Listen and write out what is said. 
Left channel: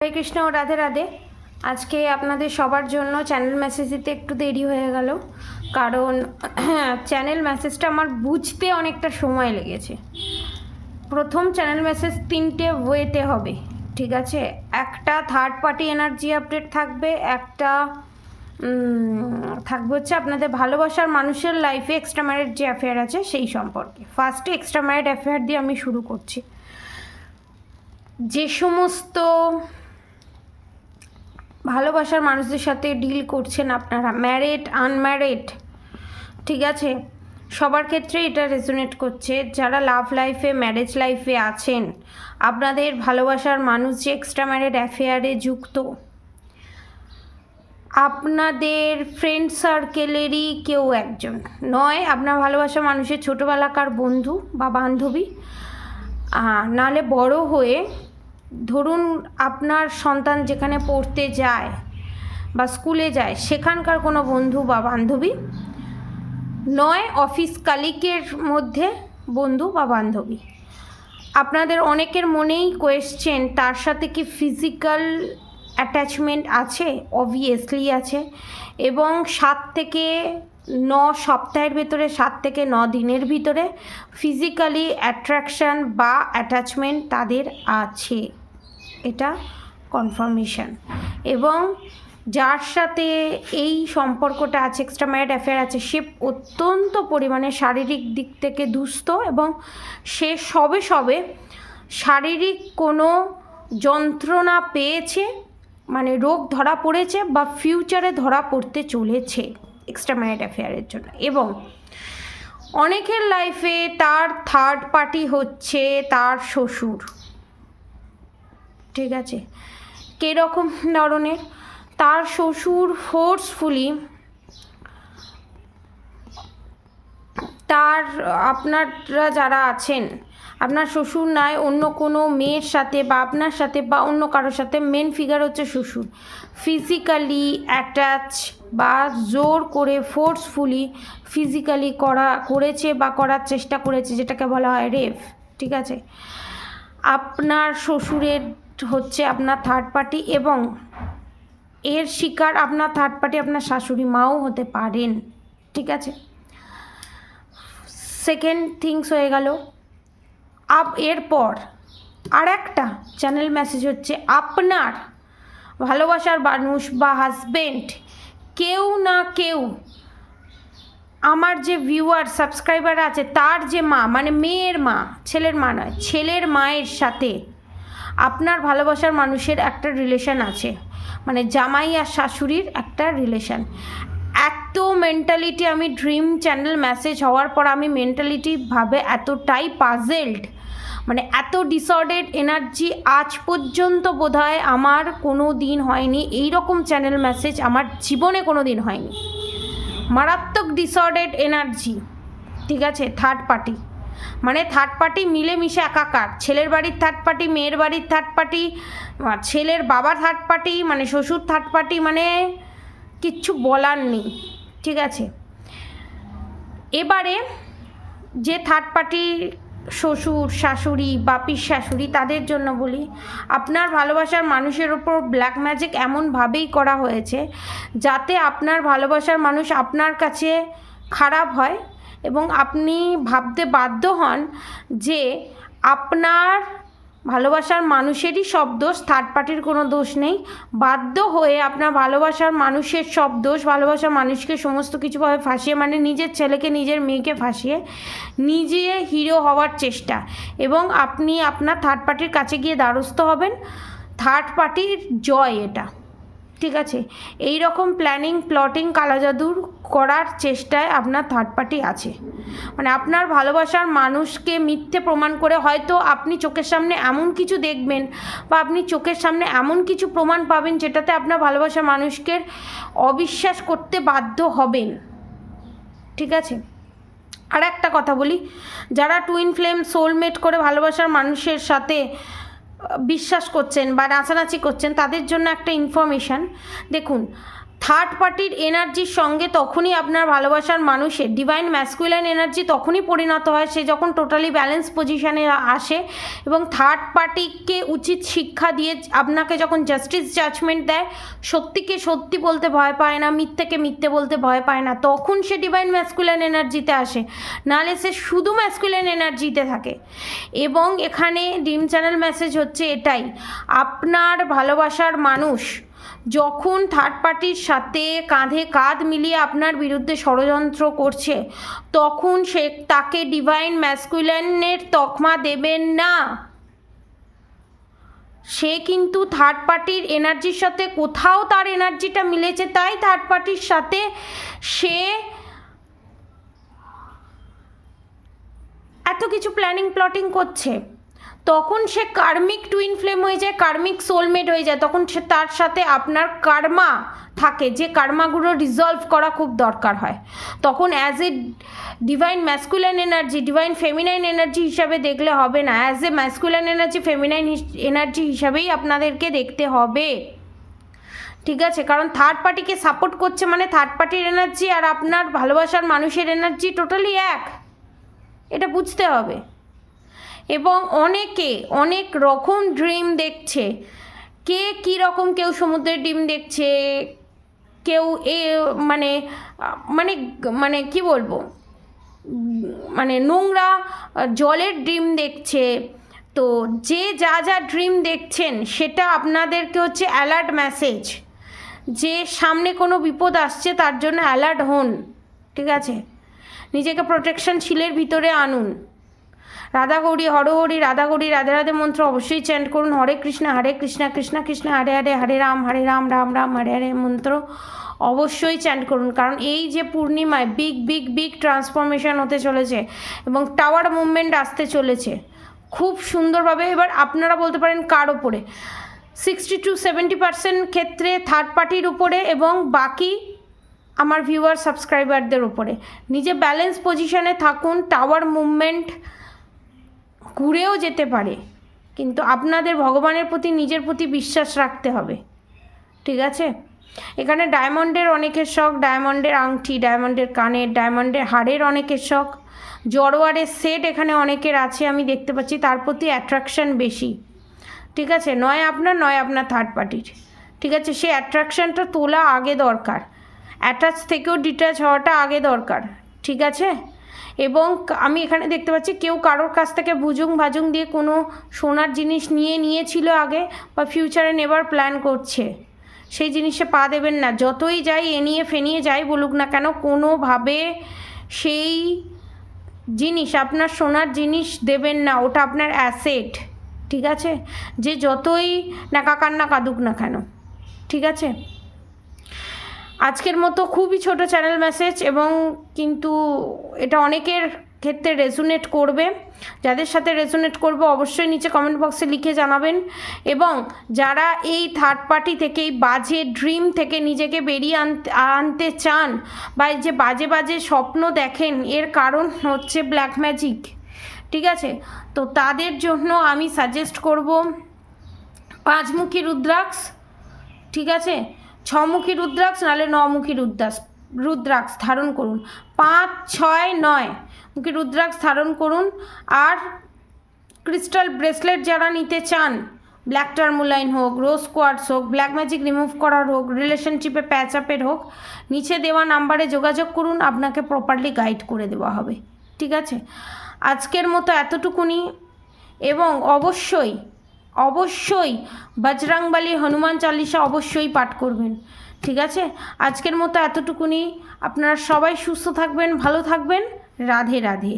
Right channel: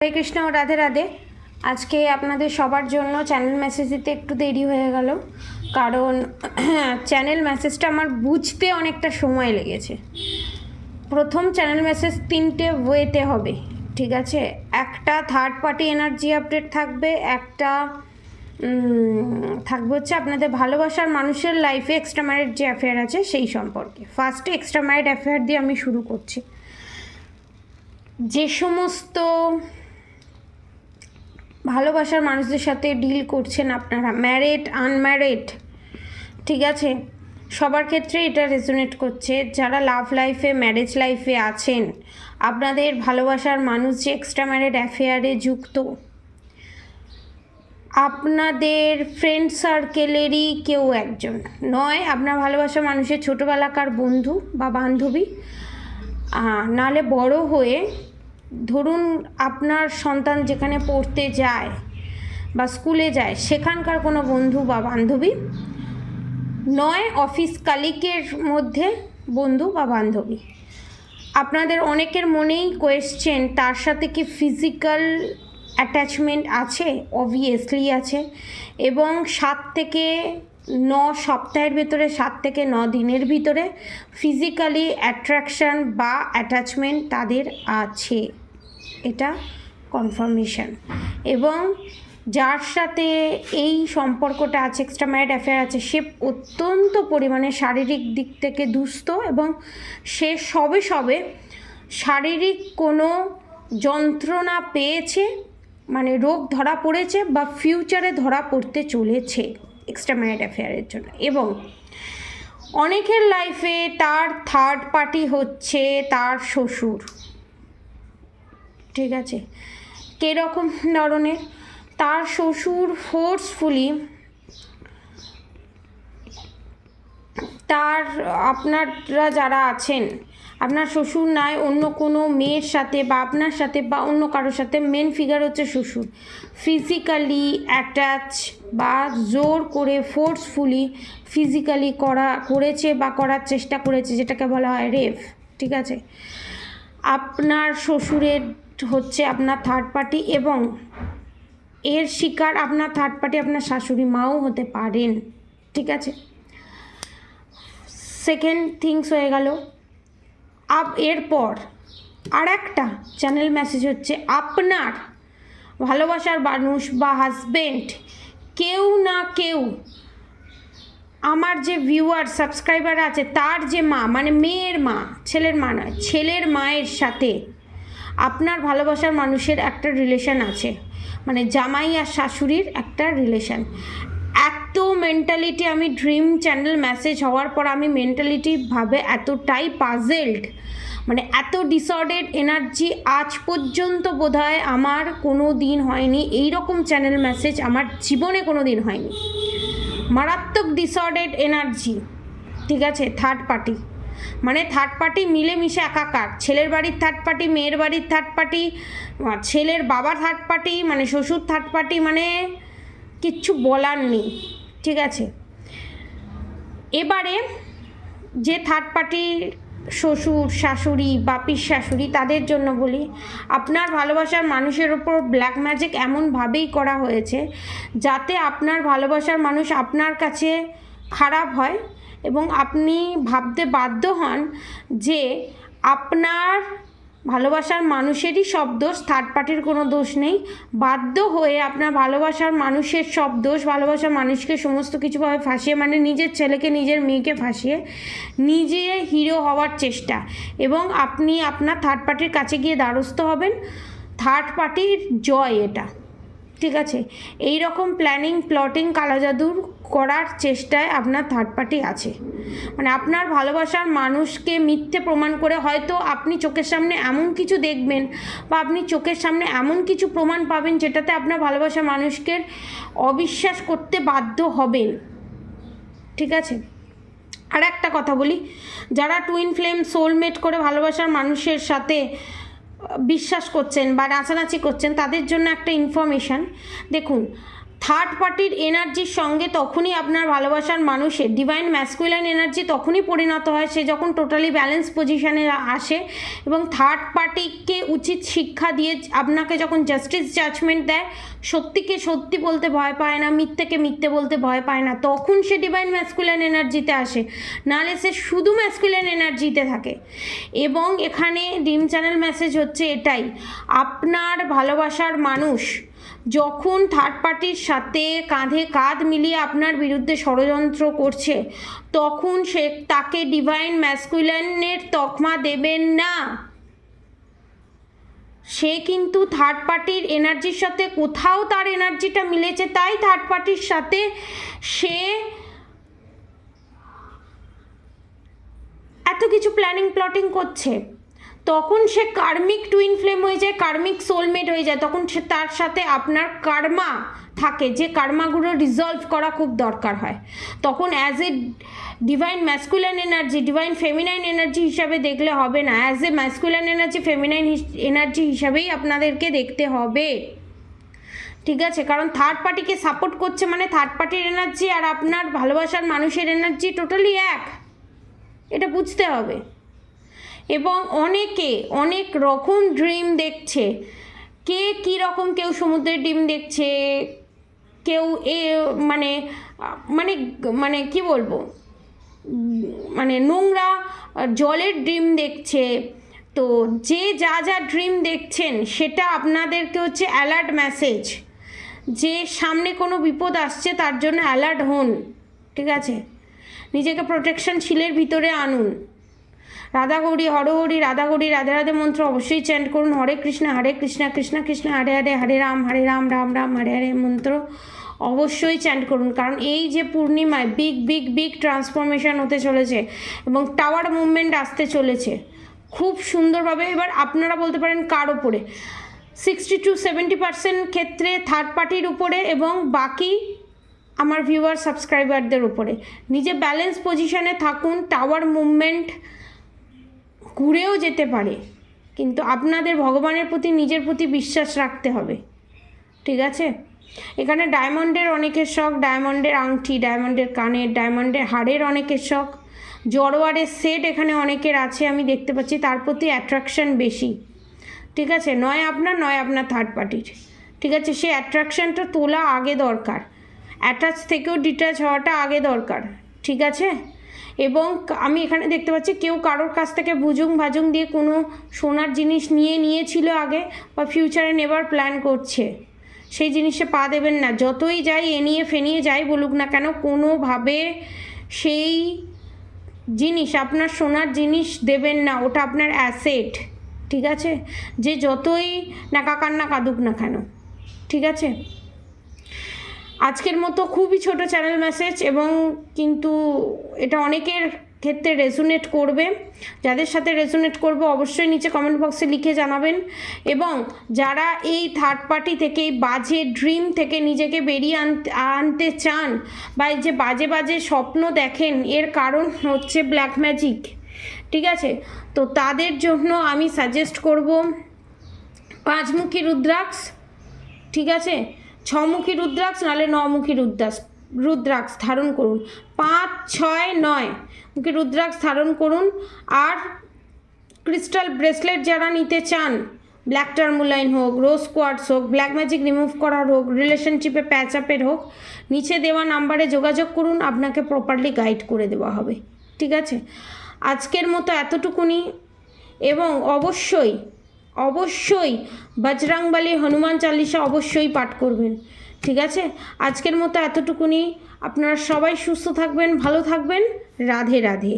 হরে কৃষ্ণ, রাধে রাধে। আজকে আপনাদের সবার জন্য চ্যানেল মেসেজ দিতে একটু দেরি হয়ে গেল, কারণ চ্যানেল মেসেজটা আমার বুঝতে অনেকটা সময় লেগেছে। প্রথম চ্যানেল মেসেজ 3টে ওয়েতে হবে, ঠিক আছে? একটা থার্ড পার্টি এনার্জি আপডেট থাকবে, একটা থাকবে হচ্ছে আপনাদের ভালোবাসার মানুষের লাইফে এক্সট্রা ম্যারিড যে অ্যাফেয়ার আছে সেই সম্পর্কে। ফার্স্টে এক্সট্রা ম্যারিড অ্যাফেয়ার দিয়ে আমি শুরু করছি। যে সমস্ত ভালোবাসার মানুষদের সাথে ডিল করছেন আপনারা, ম্যারিড আনম্যারিড, ঠিক আছে, সবার ক্ষেত্রে এটা রেজোনেট করছে। যারা লাভ লাইফে ম্যারেজ লাইফে আছেন, আপনাদের ভালোবাসার মানুষ যে এক্সট্রা ম্যারিড অ্যাফেয়ারে যুক্ত, আপনাদের ফ্রেন্ড সার্কেলেরই কেউ একজন, নয় আপনার ভালোবাসার মানুষের ছোটোবেলাকার বন্ধু বা বান্ধবী, নালে বড় হয়ে ধরুন আপনার সন্তান যেখানে পড়তে যায় বা স্কুলে যায় সেখানকার কোনো বন্ধু বা বান্ধবী, নয় অফিস কালিকের মধ্যে বন্ধু বা বান্ধবী। আপনাদের অনেকের মনেই কোয়েশ্চেন, তার সাথে কি ফিজিক্যাল অ্যাটাচমেন্ট আছে? অবভিয়াসলি আছে, এবং 7 থেকে 9 সপ্তাহের ভেতরে, 7 থেকে 9 দিনের ভিতরে ফিজিক্যালি অ্যাট্রাকশান বা অ্যাটাচমেন্ট তাদের আছে, এটা কনফার্মেশন। এবং যার সাথে এই সম্পর্কটা আছে, এক্সট্রা ম্যারিড অ্যাফেয়ার আছে, সে অত্যন্ত পরিমাণে শারীরিক দিক থেকে দুস্থ, এবং সে সবে সবে শারীরিক কোনো যন্ত্রণা পেয়েছে, মানে রোগ ধরা পড়েছে বা ফিউচারে ধরা পড়তে চলেছে এক্সট্রা ম্যারিড অ্যাফেয়ারের জন্য। এবং অনেকের লাইফে তার থার্ড পার্টি হচ্ছে তার শ্বশুর, ঠিক আছে? কীরকম ধরনের? তার শ্বশুর ফোর্সফুলি তার, আপনারা যারা আছেন, আপনার শ্বশুর নয় অন্য কোনো মেয়ের সাথে বা আপনার সাথে বা অন্য কারোর সাথে, মেন ফিগার হচ্ছে শ্বশুর, ফিজিক্যালি অ্যাটাচ বা জোর করে ফোর্সফুলি ফিজিক্যালি করেছে বা করার চেষ্টা করেছে, যেটাকে বলা হয় রেপ, ঠিক আছে? আপনার শ্বশুরের হচ্ছে আপনার থার্ড পার্টি, এবং এর শিকার আপনার থার্ড পার্টি আপনার শাশুড়ি মাও হতে পারেন, ঠিক আছে? সেকেন্ড থিংস হয়ে গেল। এরপর আর একটা চ্যানেল মেসেজ হচ্ছে, আপনার ভালোবাসার মানুষ বা হাজবেন্ড, কেউ না কেউ, আমার যে ভিউয়ার সাবস্ক্রাইবার আছে তার যে মা, মানে মেয়ের মা, ছেলের মা নয়, ছেলের মায়ের সাথে আপনার ভালোবাসার মানুষের একটা রিলেশন আছে, মানে জামাই আর শাশুড়ির একটা রিলেশন। এত মেন্টালিটি, আমি ড্রিম চ্যানেল মেসেজ হওয়ার পর আমি মেন্টালিটি ভাবে এতটাই পাজেলড, মানে এত ডিসঅর্ডার্ড এনার্জি আজ পর্যন্ত বোধহয় আমার কোনো দিন হয়নি। এই রকম চ্যানেল মেসেজ আমার জীবনে কোনো দিন হয়নি। মারাত্মক ডিসঅর্ডার্ড এনার্জি, ঠিক আছে? থার্ড পার্টি মানে থার্ড পার্টি মিলেমিশে একাকার, ছেলের বাড়ির থার্ড পার্টি, মেয়ের বাড়ির থার্ড পার্টি, ছেলের বাবার থার্ড পার্টি, মানে শ্বশুর থার্ড পার্টি, মানে কিচ্ছু বলার নেই, ঠিক আছে? এবারে যে থার্ড পার্টি শ্বশুর শাশুড়ি বা পিস শাশুড়ি, তাদের জন্য বলি, আপনার ভালোবাসার মানুষের ওপর ব্ল্যাক ম্যাজিক এমনভাবেই করা হয়েছে যাতে আপনার ভালোবাসার মানুষ আপনার কাছে খারাপ হয়, এবং আপনি ভাবতে বাধ্য হন যে আপনার ভালোবাসার মানুষেরই সব দোষ, থার্ড পার্টির কোনো দোষ নেই। বাধ্য হয়ে আপনার ভালোবাসার মানুষের সব দোষ, ভালোবাসার মানুষকে সমস্ত কিছুভাবে ফাঁসিয়ে, মানে নিজের ছেলেকে নিজের মেয়েকে ফাঁসিয়ে নিজে হিরো হওয়ার চেষ্টা, এবং আপনি আপনার থার্ড পার্টির কাছে গিয়ে দ্বারস্থ হবেন। থার্ড পার্টির জয় এটা, ঠিক আছে? এই রকম প্ল্যানিং প্লটিং কালাজাদুর করার চেষ্টায় আপনার থার্ড পার্টি আছে, মানে আপনার ভালোবাসার মানুষকে মিথ্যে প্রমাণ করে, হয়তো আপনি চোখের সামনে এমন কিছু দেখবেন বা আপনি চোখের সামনে এমন কিছু প্রমাণ পাবেন যেটাতে আপনার ভালোবাসার মানুষকে অবিশ্বাস করতে বাধ্য হবেন, ঠিক আছে? আর একটা কথা বলি, যারা টুইন ফ্লেম সোলমেট করে ভালোবাসার মানুষের সাথে বিশ্বাস করছেন বা নাচানাচি করছেন, তাদের জন্য একটা ইনফরমেশান। দেখুন, থার্ড পার্টির এনার্জির সঙ্গে তখনই আপনার ভালোবাসার মানুষের ডিভাইন ম্যাসকুলাইন এনার্জি তখনই পরিণত হয় সে যখন টোটালি ব্যালেন্স পজিশানে আসে এবং থার্ড পার্টিকে উচিত শিক্ষা দিয়ে আপনাকে যখন জাস্টিস জাজমেন্ট দেয়, সত্যিকে সত্যি বলতে ভয় পায় না, মিথ্যেকে মিথ্যে বলতে ভয় পায় না, তখন সে ডিভাইন ম্যাসকুলাইন এনার্জিতে আসে, নাহলে সে শুধু ম্যাসকুলাইন এনার্জিতে থাকে। এবং এখানে ড্রিম চ্যানেল মেসেজ হচ্ছে এটাই, আপনার ভালোবাসার মানুষ যখন থার্ড পার্টির সাথে কাঁধে কাঁধ মিলিয়ে আপনার বিরুদ্ধে ষড়যন্ত্র করছে তখন সে তাকে ডিভাইন ম্যাসকুলাইনের তকমা দেবেন না। সে কিন্তু থার্ড পার্টির এনার্জির সাথে কোথাও তার এনার্জিটা মিলেছে, তাই থার্ড পার্টির সাথে সে এত কিছু প্ল্যানিং প্লটিং করছে। তখন সে কার্মিক টুইন ফ্লেম হয়ে যায়, কার্মিক সোলমেট হয়ে যায়, তখন সে তার সাথে আপনার কার্মা থাকে, যে কার্মাগুলো রিজলভ করা খুব দরকার হয়। তখন as a divine masculine energy, divine feminine energy হিসাবে দেখলে হবে না, as a masculine energy, feminine energy হিসাবেই আপনাদেরকে দেখতে হবে, ঠিক আছে? কারণ থার্ড পার্টিকে সাপোর্ট করছে মানে থার্ড পার্টির এনার্জি আর আপনার ভালোবাসার মানুষের এনার্জি টোটালি এক, এটা বুঝতে হবে। এবং অনেকে অনেক রকম ড্রিম দেখছে, কে কী রকম, কেউ সমুদ্রের ডিম দেখছে, কেউ মানে মানে মানে কি বলবো, মানে নোংরা জলের ড্রিম দেখছে। তো যে যা যা ড্রিম দেখছেন সেটা আপনাদেরকে হচ্ছে অ্যালার্ট মেসেজ, যে সামনে কোনো বিপদ আসছে তার জন্য অ্যালার্ট হন, ঠিক আছে? নিজেকে প্রোটেকশন শিলের ভিতরে আনুন। রাধা গৌরী হরহরি, রাধা গৌরী রাধে রাধে মন্ত্র অবশ্যই চ্যান্ট করুন। হরে কৃষ্ণ কৃষ্ণ কৃষ্ণ হরে হরে, হরে রাম রাম রাম হরে হরে মন্ত্র অবশ্যই চ্যান্ট করুন। কারণ এই যে পূর্ণিমায় বিগ বিগ বিগ ট্রান্সফরমেশন হতে চলেছে এবং টাওয়ার মুভমেন্ট আসতে চলেছে খুব সুন্দরভাবে। এবার আপনারা বলতে পারেন কার ওপরে, 60 to 70% ক্ষেত্রে থার্ড পার্টির উপরে এবং বাকি আমার ভিউয়ার সাবস্ক্রাইবারদের উপরে। নিজে ব্যালেন্স পজিশনে থাকুন, টাওয়ার মুভমেন্ট ঘুরেও যেতে পারে, কিন্তু আপনাদের ভগবানের প্রতি নিজের প্রতি বিশ্বাস রাখতে হবে, ঠিক আছে? এখানে ডায়মন্ডের অনেকের শখ, ডায়মন্ডের আংটি, ডায়মন্ডের কানের, ডায়মন্ডের হাড়ের অনেকের শখ, জড়োয়ারের সেট এখানে অনেকের আছে আমি দেখতে পাচ্ছি, তার প্রতি অ্যাট্রাকশান বেশি, ঠিক আছে? নয় আপনার থার্ড পার্টির, ঠিক আছে? সেই অ্যাট্রাকশানটা তোলা আগে দরকার, অ্যাটাচ থেকেও ডিট্যাচ হওয়াটা আগে দরকার, ঠিক আছে? এবং আমি এখানে দেখতে পাচ্ছি কেউ কারোর কাছ থেকে বুজুং ভাজুং দিয়ে কোনো সোনার জিনিস নিয়েছিল আগে বা ফিউচারে নেবার প্ল্যান করছে, সেই জিনিসে পা দেবেন না। যতই যাই এনিয়ে ফেনিয়ে যাই বলুক না কেন, কোনোভাবে সেই জিনিস, আপনার সোনার জিনিস দেবেন না, ওটা আপনার অ্যাসেট, ঠিক আছে? যে যতই নাকা কান্না কাঁদুক না কেন, ঠিক আছে? আজকের মতো খুবই ছোট চ্যানেল মেসেজ, এবং কিন্তু এটা অনেকের ক্ষেত্রে রেজোনেট করবে। যাদের সাথে রেজোনেট করবে অবশ্যই নিচে কমেন্ট বক্সে লিখে জানাবেন। এবং যারা এই থার্ড পার্টি থেকে, এই বাজে ড্রিম থেকে নিজেকে বেরিয়ে আনতে চান বা এই যে বাজে বাজে স্বপ্ন দেখেন, এর কারণ হচ্ছে ব্ল্যাক ম্যাজিক, ঠিক আছে? তো তাদের জন্য আমি সাজেস্ট করব 5মুখী রুদ্রাক্ষ, ঠিক আছে? 6মুখী রুদ্রাক্ষ নাহলে 9মুখী রুদ্রাক্ষ ধারণ করুন, 5, 6, 9 মুখী রুদ্রাক্ষ ধারণ করুন। আর ক্রিস্টাল ব্রেসলেট যারা নিতে চান, ব্ল্যাক টার্মোলাইন হোক, রোজ কোয়ার্টস হোক, ব্ল্যাক ম্যাজিক রিমুভ করার হোক, রিলেশনশিপে প্যাচ আপের হোক, নিচে দেওয়া নাম্বারে যোগাযোগ করুন, আপনাকে প্রপারলি গাইড করে দেওয়া হবে, ঠিক আছে? আজকের মতো এতটুকুনি। এবং অবশ্যই বজরংবলী হনুমান চালিসা অবশ্যই পাঠ করবেন, ঠিক আছে? আজকের মতো এতটুকুনি। আপনারা সবাই সুস্থ থাকবেন, ভালো থাকবেন। রাধে রাধে।